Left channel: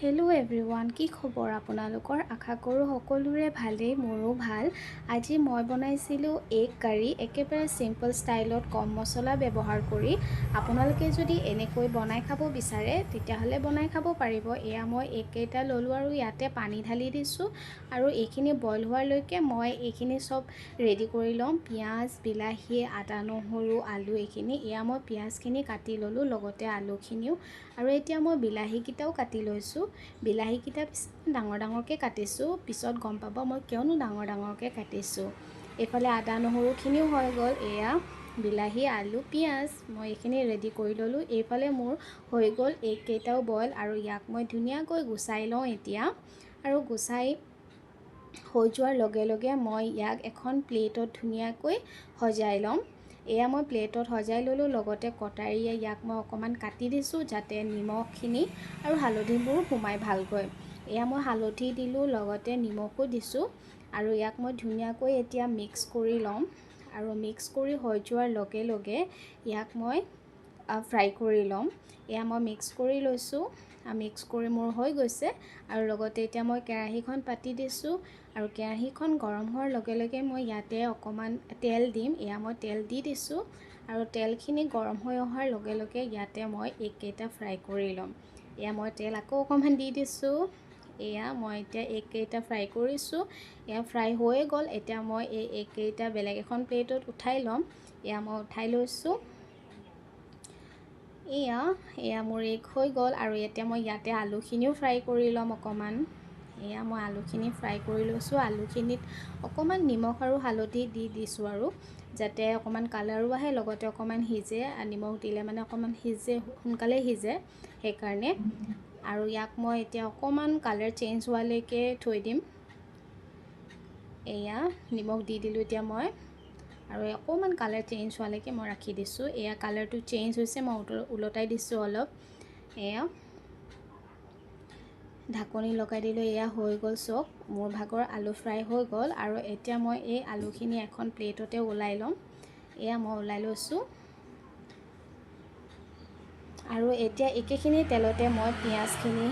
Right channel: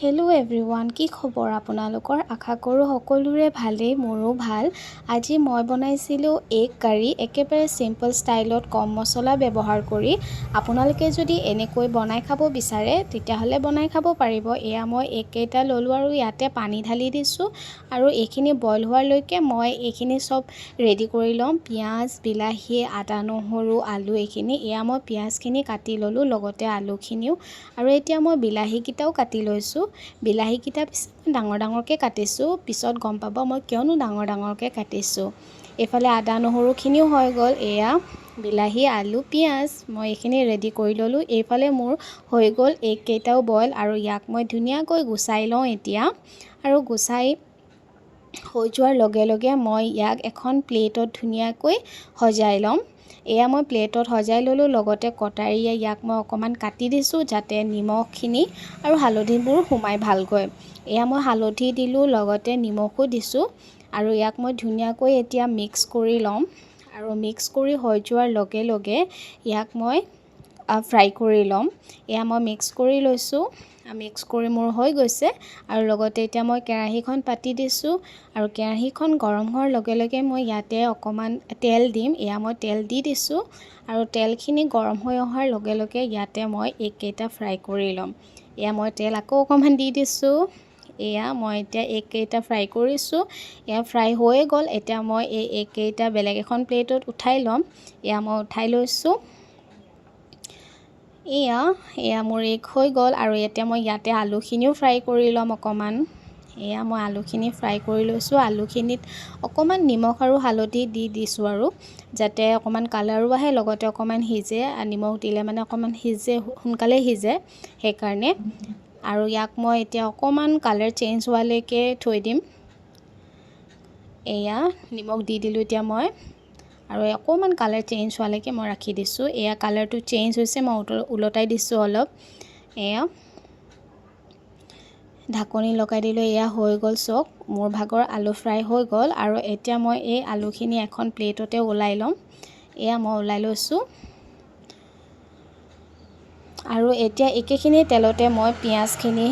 Hello' everyone, কি খবৰ আপোনালোকৰ? আশা কৰোঁ সকলোৰে ভালেই, মোৰো ভাল। আজি মই বনাইছিলোঁ এগ কাৰী, একেবাৰে চিম্পল ষ্টাইলত কম মছলা ব্যৱহাৰ কৰি। আপোনালোকে যদি এনেকৈ বনাই খাব বিচাৰে তেতিয়াহ'লে বনাই খাব পাৰিব। এয়া মই এগ কেইটা ল'লোঁ আৰু ইয়াতে পানী ঢালি দিছোঁ আৰু এইখিনি বইল হোৱালৈকে মই এইখিনি চব ৰেডি কৰি ল'ম। পিঁয়াজ, বিলাহী, আদা, নহৰু, আলু এইখিনি। এয়া মই পিঁয়াজখিনি কাটি ল'লোঁ, লগতে আলুখিনিও। আৰু এতিয়া মই বিলাহীকেইটাও কাটি লৈছোঁ। বিলাহীকেইটা ডাঙৰ ডাঙৰকৈ কাটিছোঁ, পিছত গম পাব মই কিয়নো ডাঙৰ ডাঙৰকৈ কাটিছোঁ। এইফালে আদা নহৰুখিনিও হৈ গ'ল। এয়া বিলাহী, আলু, পিঁয়াজ মই এইখিনি ৰেডি কৰি ল'লোঁ। এইফালে মোৰ হৈ গ'ল এগ কেইটাও বইল, আৰু ইয়াক মই ধুনীয়াকৈ গুচাই লওঁ এতিয়া। আৰু গুচাই হৈ যোৱাৰ লগে লগে মই ইয়াক এখন প্লেটত ধুনীয়াকৈ সজাই ল'ম। এয়া মই প্লেটত সজাই ল'লোঁ, লগতে কটাৰীয়ে ইয়াক মই অকণমান কাটি দিছোঁ যাতে নিমখখিনি আৰু হালধিবোৰ সোমাই ভালকৈ। এয়া মই হালধি দিলোঁ, লগতে নিমখো দিছোঁ, আৰু ইয়াক মই ধুনীয়াকৈ এতিয়া মিক্স কৰি ল'ম। আৰু মিক্স কৰি হৈ যোৱাৰ লগে লগে ইয়াক মই ফ্ৰাই কৰি ল'ম। এয়া মই মিক্স কৰি লৈছোঁ, মিক্স কৰি মোৰ হৈ গৈছে। আৰু লগতে এতিয়া মই কেৰাহীখন পাতি দিছোঁ, আৰু কেৰাহীখন গৰম হোৱাৰ লগে লগে মই ইয়াতে অকণমান তেল দিম। এয়া মই তেল দি দিছোঁ, আৰু তেলখিনি গৰম হৈ অহাৰ লগে লগে ইয়াতে মই এগ কেইটা ফ্ৰাই কৰি ল'ম। এয়া মই তেল আকৌ অকণমান দি দিছোঁ। এয়া মই এতিয়া এগ কেইটা ফ্ৰাই কৰিছোঁ। এয়া ফ্ৰাই হৈয়ে গ'ল। এতিয়া মই এই এগ কেইটা বেলেগ এখন প্লেটত উঠাই ল'ম। এয়া মই উঠাই লৈছোঁ। এয়া মোৰ এগ হৈ গ'ল, আৰু এতিয়া মই ইয়াতে আলুখিনিও ফ্ৰাই কৰি ল'ম অকণমান। এয়া মই আলুখিনি ফ্ৰাই কৰি লৈছোঁ। আলুখিনিত অকণমান নিমখ আৰু হালধি দি দিছোঁ, আৰু যাতে অকণমান কালাৰো আহে, লগতে অকণমান সিজে। নিমখ দিলে মানে অকণমান সোনকালে সিজে সেইকাৰণে। আৰু ইয়াক মই এতিয়া অকণমান কালাৰ চেঞ্জ হোৱালৈকে থৈ দিম। এয়া নিমখ দি দিলোঁ এতিয়া মই, আৰু অকণমান কালাৰ চেঞ্জ হোৱালৈকে মই ৰাখি দিছোঁ। এয়া কালাৰটো চেঞ্জ হৈছে, মই ওলটাই দিছোঁ অলপ। এয়া ঢাকনি লগাই দিলোঁ। এয়া হৈ গ'ল চব, মোৰ ভাগৰ আলু ফ্ৰাই হৈ গ'ল। আৰু এতিয়া মই এই আলুখিনি এখন প্লেটতে ওলাই ল'ম। এয়া মই ওলাই লৈছোঁ। আৰু এতিয়া একেখিনি তেলতে মই পিঁয়াজখিনি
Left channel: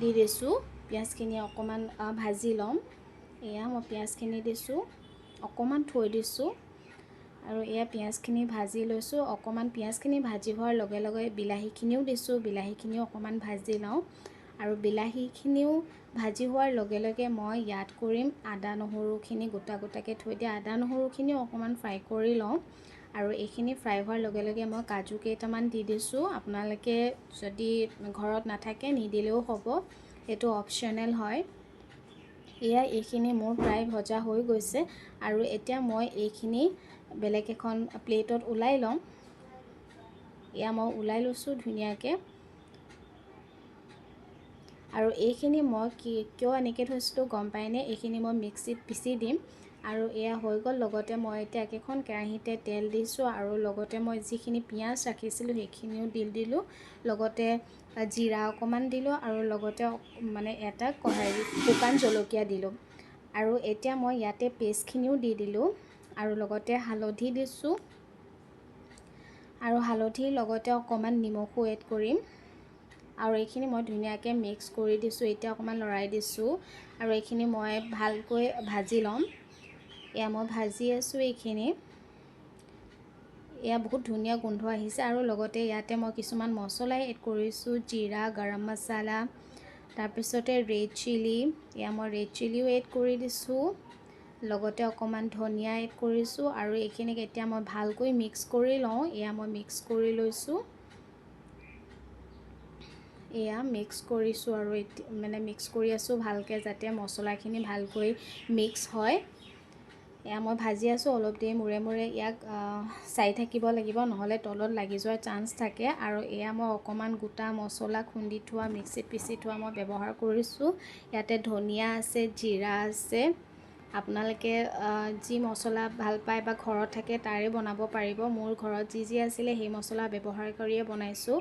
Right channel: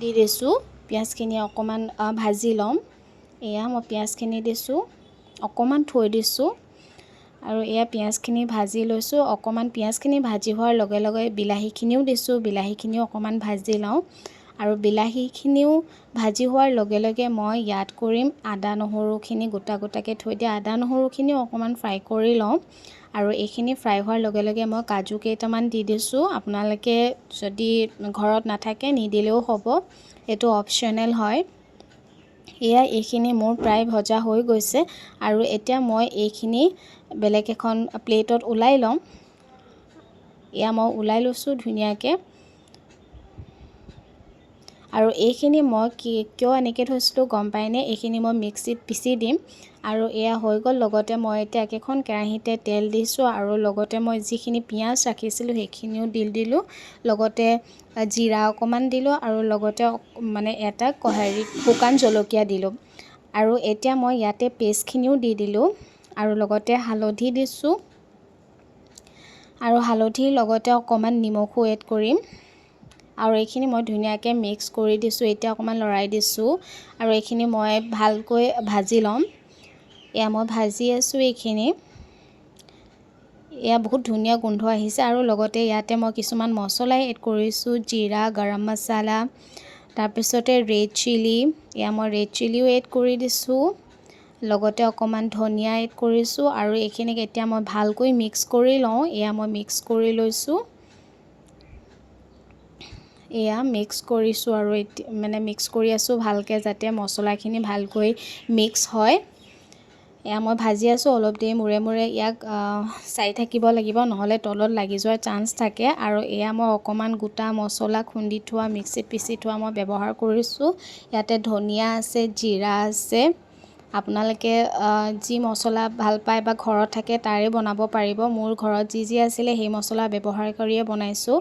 দি দিছোঁ। পিঁয়াজখিনি অকণমান ভাজি ল'ম। এয়া মই পিঁয়াজখিনি দিছোঁ, অকণমান থৈ দিছোঁ, আৰু এয়া পিঁয়াজখিনি ভাজি লৈছোঁ। অকণমান পিঁয়াজখিনি ভাজি হোৱাৰ লগে লগে বিলাহীখিনিও দিছোঁ। বিলাহীখিনিও অকণমান ভাজি লওঁ, আৰু বিলাহীখিনিও ভাজি হোৱাৰ লগে লগে মই ইয়াত কৰিম আদা নহৰুখিনি গোটা গোটাকৈ থৈ দিয়া আদা নহৰুখিনিও অকণমান ফ্ৰাই কৰি লওঁ। আৰু এইখিনি ফ্ৰাই হোৱাৰ লগে লগে মই কাজু কেইটামান দি দিছোঁ। আপোনালোকে যদি ঘৰত নাথাকে নিদিলেও হ'ব, এইটো অপশ্যনেল হয়। এয়া এইখিনি মোৰ প্ৰায় ভজা হৈ গৈছে, আৰু এতিয়া মই এইখিনি বেলেগ এখন প্লেটত ওলাই ল'ম। এয়া মই ওলাই লৈছোঁ ধুনীয়াকৈ। আৰু এইখিনি মই কিয় এনেকৈ থৈছিলোঁ গম পায়নে? এইখিনি মই মিক্সিত পিচি দিম। আৰু এয়া হৈ গ'ল। লগতে মই এতিয়া একেখন কেৰাহীতে তেল দিছোঁ, আৰু লগতে মই যিখিনি পিঁয়াজ ৰাখিছিলোঁ সেইখিনিও দি দিলোঁ। লগতে জিৰা অকণমান দিলোঁ, আৰু লগতে মানে এটা শুকান জলকীয়া দিলোঁ। আৰু এতিয়া মই ইয়াতে পেষ্টখিনিও দি দিলোঁ, আৰু লগতে হালধি দিছোঁ, আৰু হালধিৰ লগতে অকণমান নিমখো এড কৰিম। আৰু এইখিনি মই ধুনীয়াকৈ মিক্স কৰি দিছোঁ। এতিয়া অকণমান লৰাই দিছোঁ, আৰু এইখিনি মই ভালকৈ ভাজি ল'ম। এয়া মই ভাজি আছোঁ এইখিনি। এয়া বহুত ধুনীয়া গোন্ধ আহিছে। আৰু লগতে ইয়াতে মই কিছুমান মছলা এড কৰিছোঁ, জিৰা, গৰম মছলা, তাৰপিছতে ৰেড চিলি। এয়া মই ৰেড চিলিও এড কৰি দিছোঁ, লগতে অকণমান ধনিয়া এড কৰিছোঁ। আৰু এইখিনিক এতিয়া মই ভালকৈ মিক্স কৰি লওঁ। এয়া মই মিক্স কৰি লৈছোঁ। এয়া মিক্স কৰিছোঁ, আৰু মানে মিক্স কৰি আছোঁ ভালকৈ, যাতে মছলাখিনি ভালকৈ মিক্স হয়। এয়া মই ভাজি আছোঁ অলপ দেৰি মূৰে মূৰে। ইয়াক চাই থাকিব লাগিব, নহ'লে তলত লাগি যোৱাৰ চান্স থাকে। আৰু এয়া মই অকণমান গোটা মছলা খুন্দি থোৱা, মিক্সিত পিচি থোৱা মই ব্যৱহাৰ কৰিছোঁ। ইয়াতে ধনিয়া আছে, জিৰা আছে। আপোনালোকে যি মছলা ভাল পায় বা ঘৰত থাকে তাৰে বনাব পাৰিব। মোৰ ঘৰত যি আছিলে সেই মছলা ব্যৱহাৰ কৰিয়ে বনাইছোঁ।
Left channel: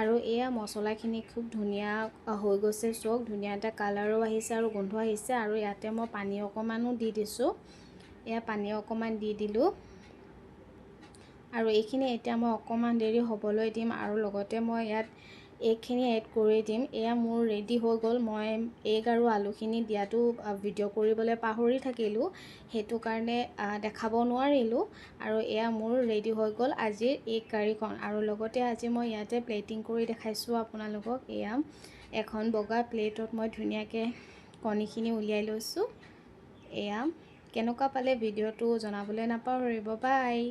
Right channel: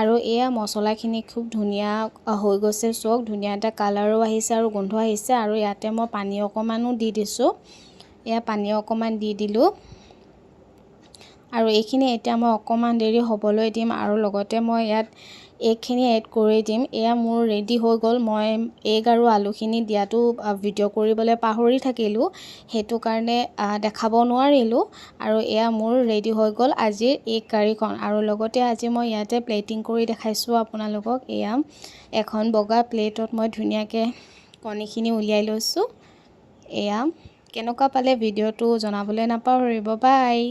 আৰু এয়া মছলাখিনি খুব ধুনীয়া হৈ গৈছে, চব ধুনীয়া এটা কালাৰো আহিছে আৰু গোন্ধ আহিছে। আৰু ইয়াতে মই পানী অকণমানো দি দিছোঁ। এয়া পানী অকণমান দি দিলোঁ, আৰু এইখিনি এতিয়া মই অকণমান দেৰি হ'বলৈ দিম। আৰু লগতে মই ইয়াত এগখিনি এড কৰি দিম। এয়া মোৰ ৰেডি হৈ গ'ল। মই এগ আৰু আলুখিনি দিয়াটো ভিডিঅ' কৰিবলৈ পাহৰি থাকিলোঁ, সেইটো কাৰণে দেখাব নোৱাৰিলোঁ। আৰু এয়া মোৰ ৰেডি হৈ গ'ল আজিৰ এগ কাৰীখন। আৰু লগতে আজি মই ইয়াতে প্লেটিং কৰি দেখাইছোঁ আপোনালোকক। এয়া এখন বগা প্লেটত মই ধুনীয়াকৈ কণীখিনি উলিয়াই লৈছোঁ। এয়া কেনেকুৱা পালে ভিডিঅ'টো জনাবলৈ নাপাহৰিব। বাই।